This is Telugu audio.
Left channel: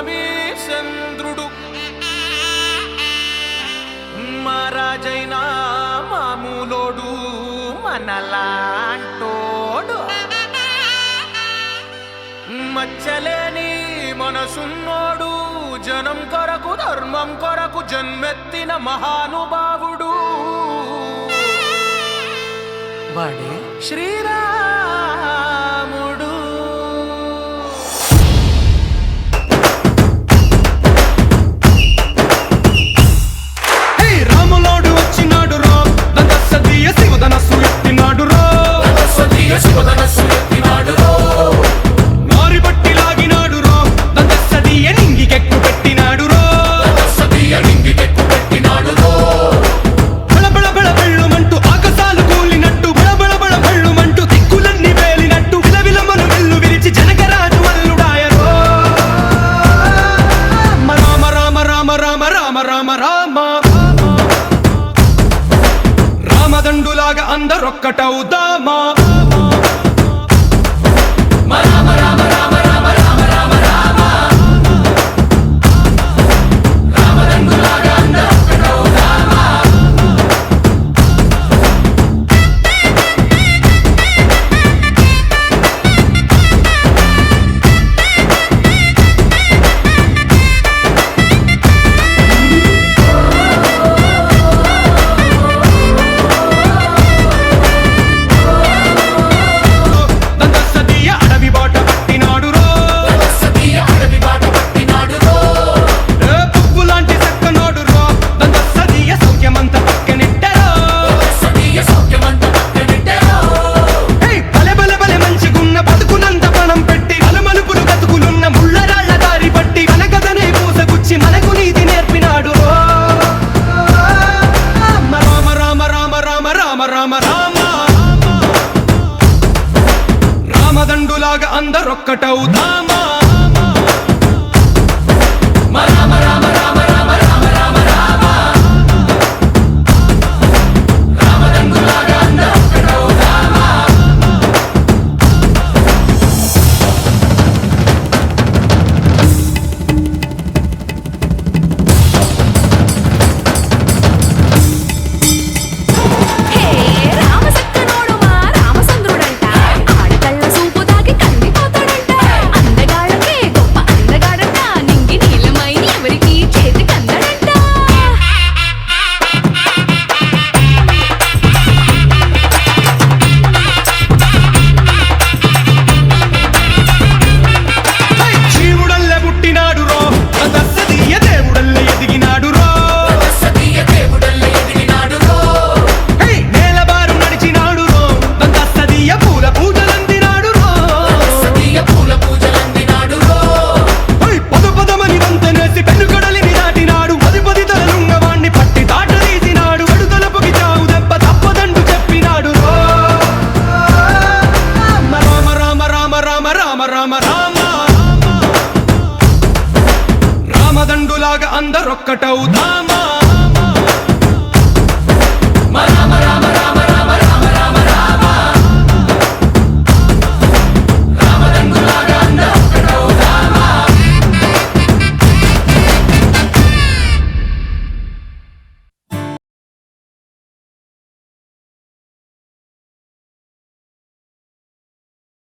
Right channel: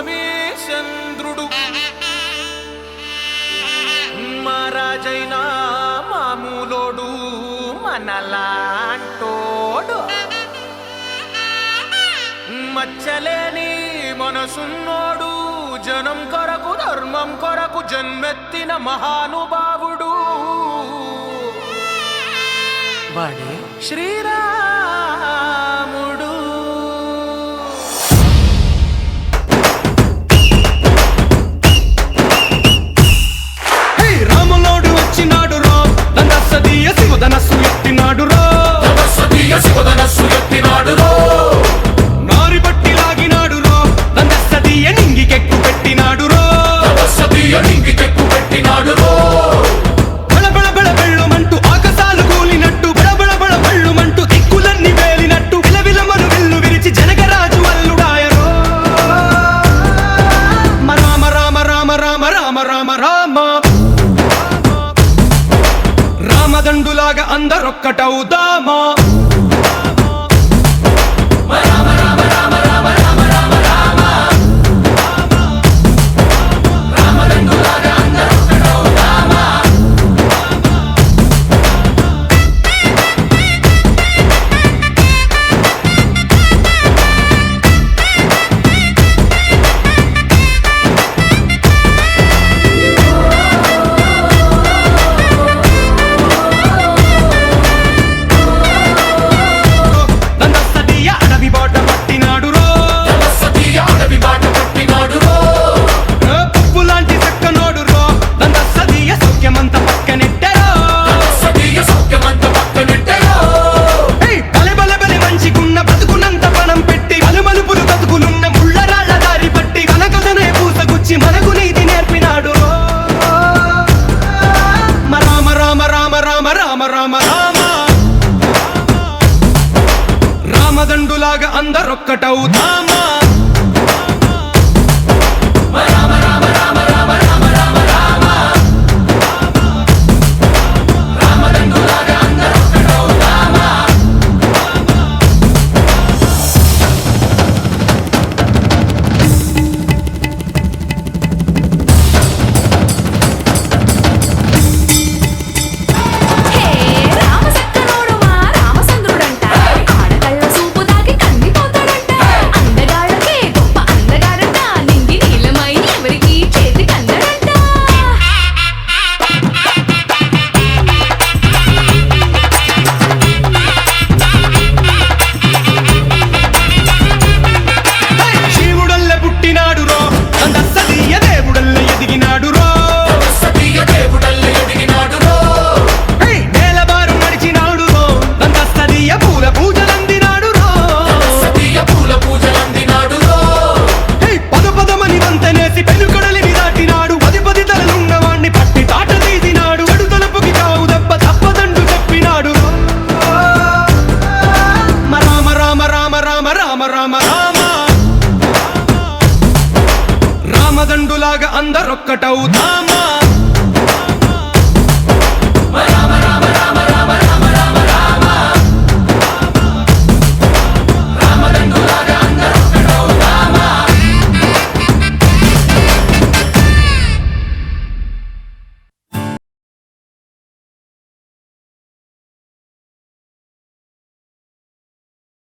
పౌర్ణమి చంద్రుడు మహారాజైనా మామూలోడు మనలాంటోడు మచ్చలేని మనసున్నోడు జనం కొరకు ధర్మం కొరకు జన్మెత్తిన మహానుభావుడు వాడే శ్రీరాముడు. రాములోడు వచ్చినాడు రో దందసదీయ శివధనస్సు ఎత్తినాడు రో నారి బట్టి లాగినాడు రో దందసదీయ నింగికెక్కు పెట్టినాడు రో బళబళ బళ బెళ్ళుమంటూ ఆకాశాలు కూలినట్టు బళబళ బళ బెళ్ళుమంటూ దిక్కులన్నీ వేలినట్టు విలవిలమలు వెల్లు విరిచి జనకరాజు అల్లుడాయరో రామ రామ రామ రామ రామ రామ రామ రామదండులాగా అందరొక్కటవుదామా. మనకు నీతి నేర్పినాడు రామ రామ రామ రామ రామ రామ రామ రామదండులాగా అందరొక్కటవుదామా. రామదండులాగా అందరొక్కటవుదామా.